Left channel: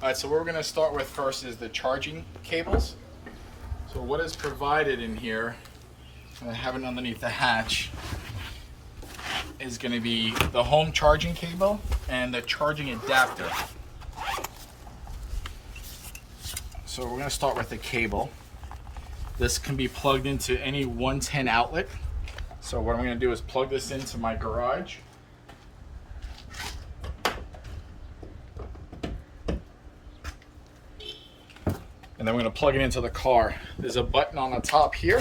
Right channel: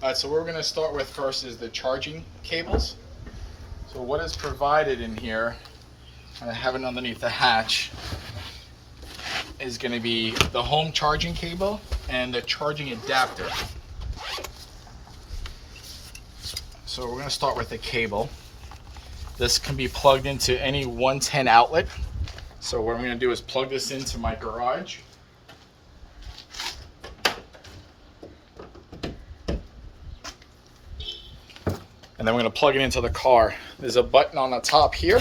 All right, so what we're going to start with first is the charging cables. So what is provided in here, and I have it underneath the hatch, is going to be the home charging cable and the charging adapter. So we're going to start with the cable. This can be plugged into any 110 outlet. So what I'm going to do is plug this into my garage. And then we're going to plug it into the car. There's a button on the top here.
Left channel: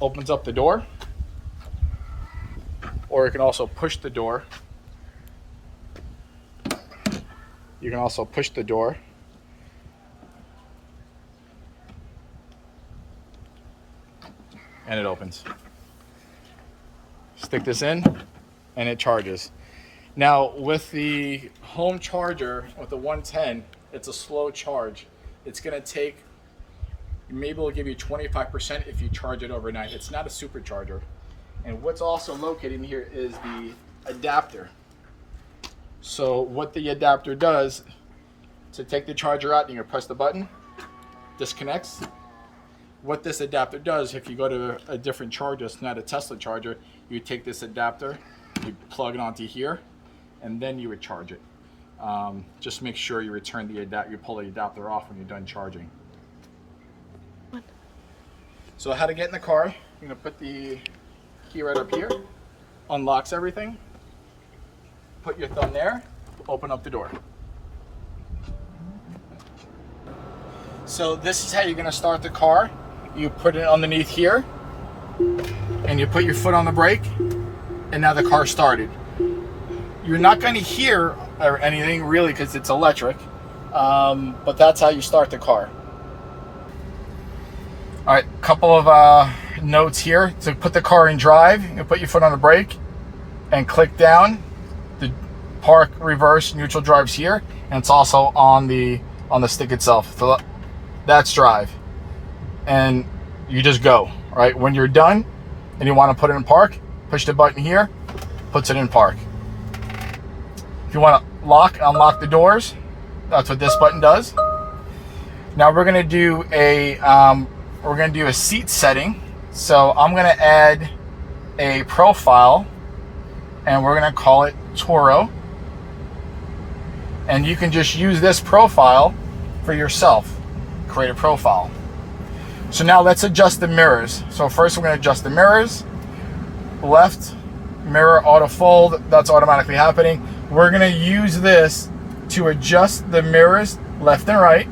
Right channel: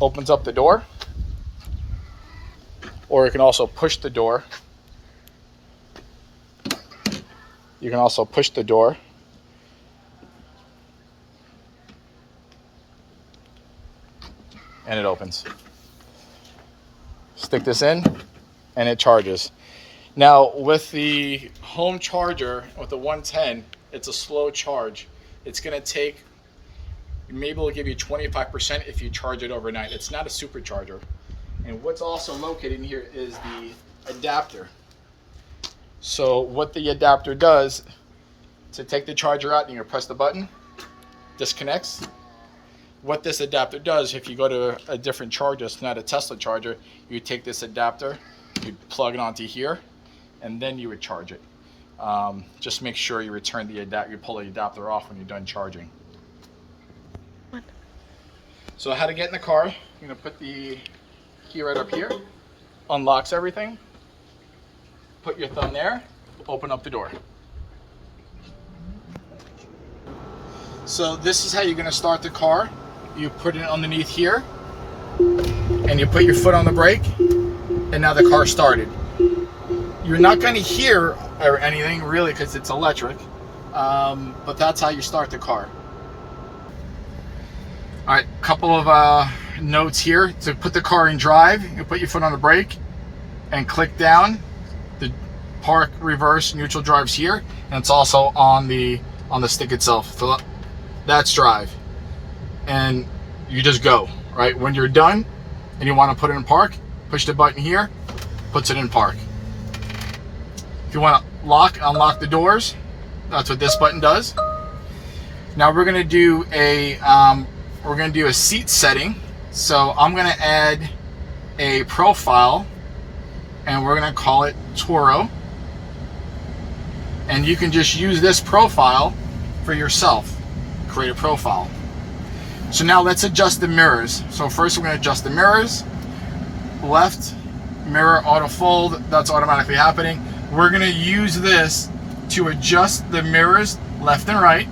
Opens up the door. Or you can also push the door. You can also push the door. And it opens. Stick this in and it charges. Now with the home charger, with the 110, it's a slow charge. It's going to take, maybe it'll give you 25% if you charge it overnight. It's not a supercharger. And what's also located in here is the adapter. So what the adapter does, to take the charger out, you press the button, disconnects. What this adapter does, if you go to a different charger, it's not a Tesla charger, you take this adapter, you plug it onto here, and then you would charge it. Just make sure you return the adapter, you pull the adapter off when you're done charging. So how to get in the car, you're going to put the key right up here, unlocks everything, put your thumb there, open up the door. So this is how you're going to start the car. You put it underneath here, and you put your foot on the brake, and now the car started. You're not going to hear or anything really because it's electric, but that's how you start the car. All right, couple of notes here. To put the car in drive, you put your foot on the brake and click down. The park, reverse, neutral drives here, and it's also on the stick itself. So that's drive, and you just go. Right when you're done and you want to put it in park, push the button here, puts it in park. If you want to unlock the doors, that's what this button does. Now we're gonna do a seat setting. So I'm gonna add a profile, and we're gonna call it Toro. And you can just use this profile for yourself. Create a profile. So now let's adjust the mirrors. So first we're gonna adjust the mirrors. Left mirror auto fold, that's automatically happening. We're gonna use this to adjust the mirrors left and right,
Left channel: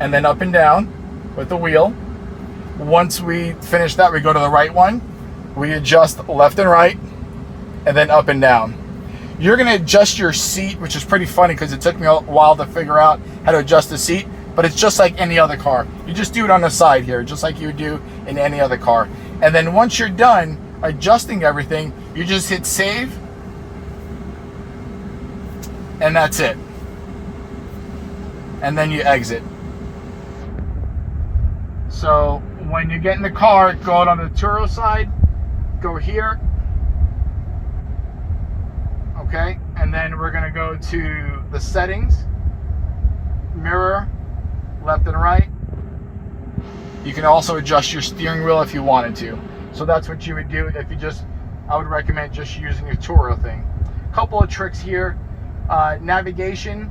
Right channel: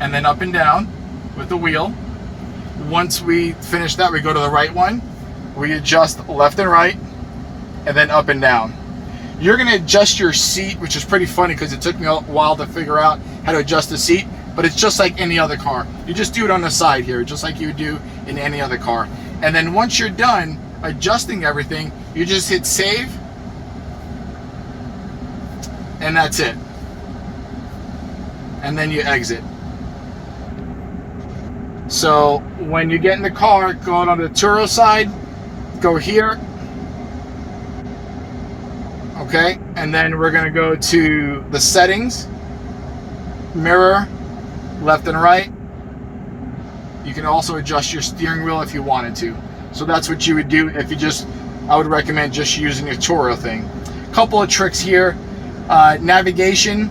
and then up and down with the wheel. Once we finish that, we go to the right one. We adjust left and right, and then up and down. You're gonna adjust your seat, which is pretty funny because it took me a while to figure out how to adjust the seat, but it's just like any other car. You just do it on the side here, just like you would do in any other car. And then once you're done adjusting everything, you just hit save, and that's it. And then you exit. So when you get in the car, go on the Turo side, go here. Okay, and then we're gonna go to the settings, mirror, left and right. You can also adjust your steering wheel if you wanted to. So that's what you would do if you I would recommend just using your Turo thing. Couple of tricks here. Navigation.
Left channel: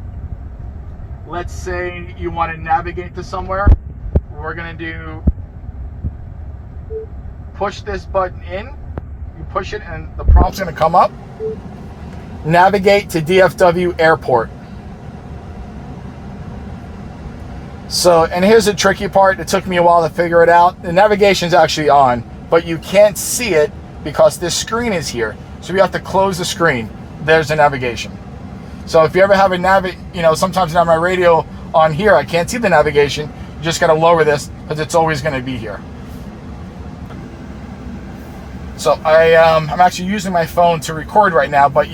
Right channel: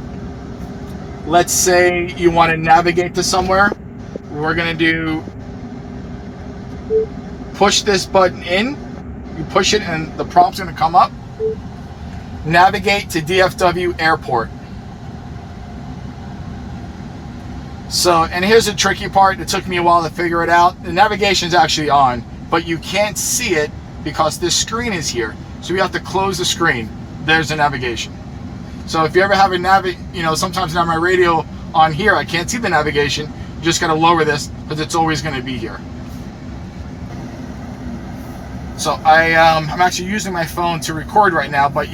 Let's say you want to navigate to somewhere. We're gonna do push this button in. You push it and the prompt's gonna come up. Navigate to DFW Airport. So, and here's the tricky part. It took me a while to figure it out. The navigation's actually on, but you can't see it because this screen is here. So you have to close the screen. There's the navigation. So if you ever have sometimes I have my radio on here, I can't see the navigation. You just got to lower this because it's always going to be here. So I'm actually using my phone to record right now, but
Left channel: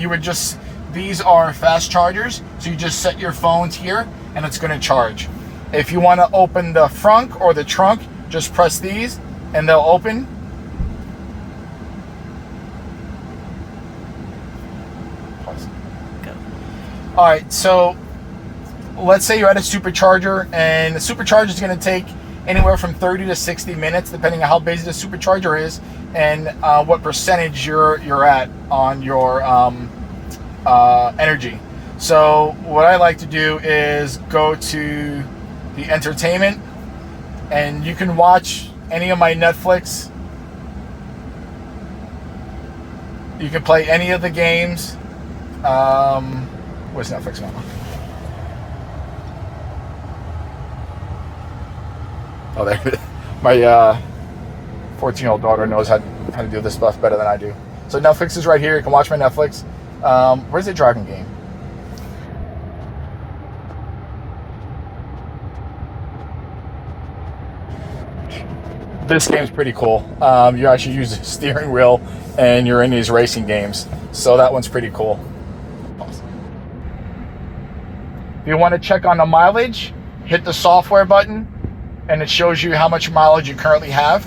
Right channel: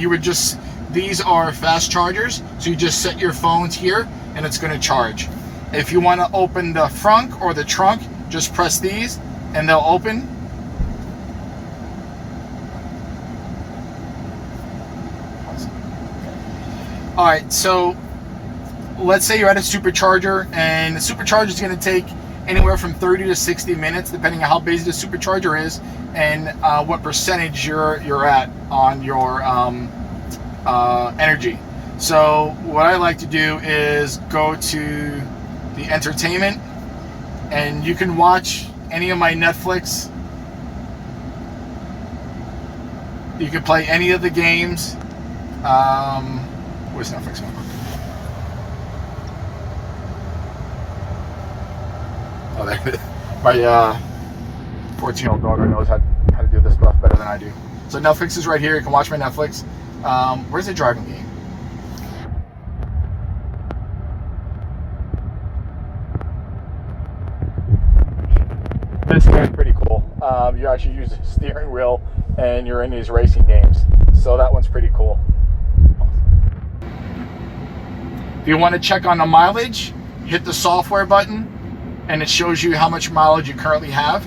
these are fast chargers. So you just set your phones here and it's going to charge. If you want to open the frunk or the trunk, just press these and they'll open. All right, so let's say you're at a supercharger, and the supercharger is going to take anywhere from 30 to 60 minutes, depending on how busy the supercharger is and what percentage you're at on your energy. So what I like to do is go to the entertainment, and you can watch any of my Netflix. You can play any of the games. What's Netflix now? Oh, there. My 14-year-old daughter knows how to do this stuff better than I do. So Netflix is right here. You can watch my Netflix. Where's the driving game? This game is pretty cool. You actually use the steering wheel and you're in these racing games. So that one's pretty cool. If you want to check on the mileage, hit the software button and it shows you how much mileage you currently have.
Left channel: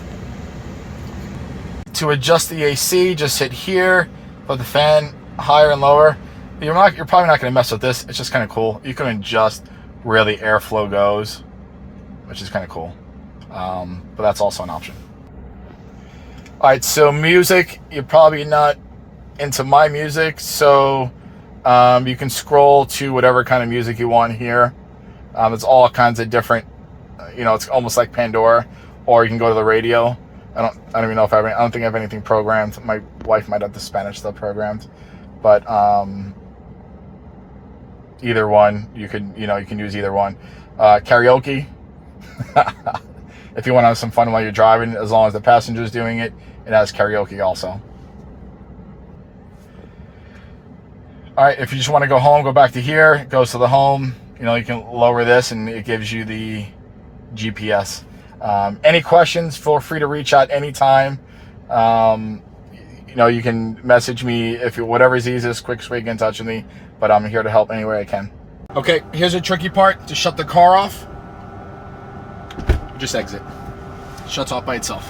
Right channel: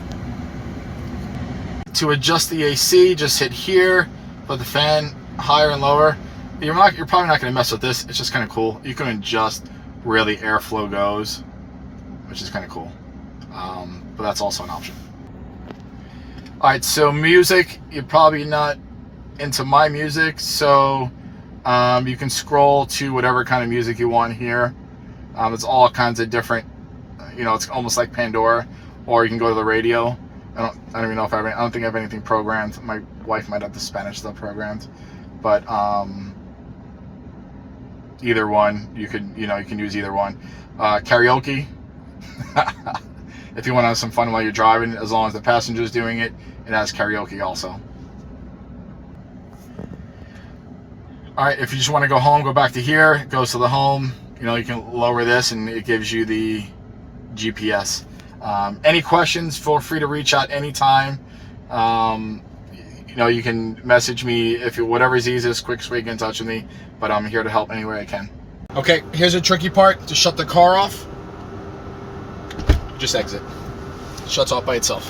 To adjust the AC, just hit here, put the fan higher and lower. You're probably not going to mess with this. It's just kind of cool. You can adjust where the airflow goes, which is kind of cool. But that's also an option. All right, so music, you're probably not into my music, so you can scroll to whatever kind of music you want here. It's all kinds of different, it's almost like Pandora, or you can go to the radio. I don't even know if I don't think I have anything programmed. My wife might have the Spanish stuff programmed, but either one, you can use either one. Karaoke. If you want to have some fun while you're driving, as long as the passenger's doing it, it has karaoke also. All right, if you just want to go home, go back to here. It goes to the home. You can lower this and it gives you the GPS. Any questions, feel free to reach out anytime. You can message me if whatever's easiest, quickest way to get in touch with me. But I'm here to help any way I can. Okay, here's the tricky part. To shut the car off, just exit. It shuts off by itself.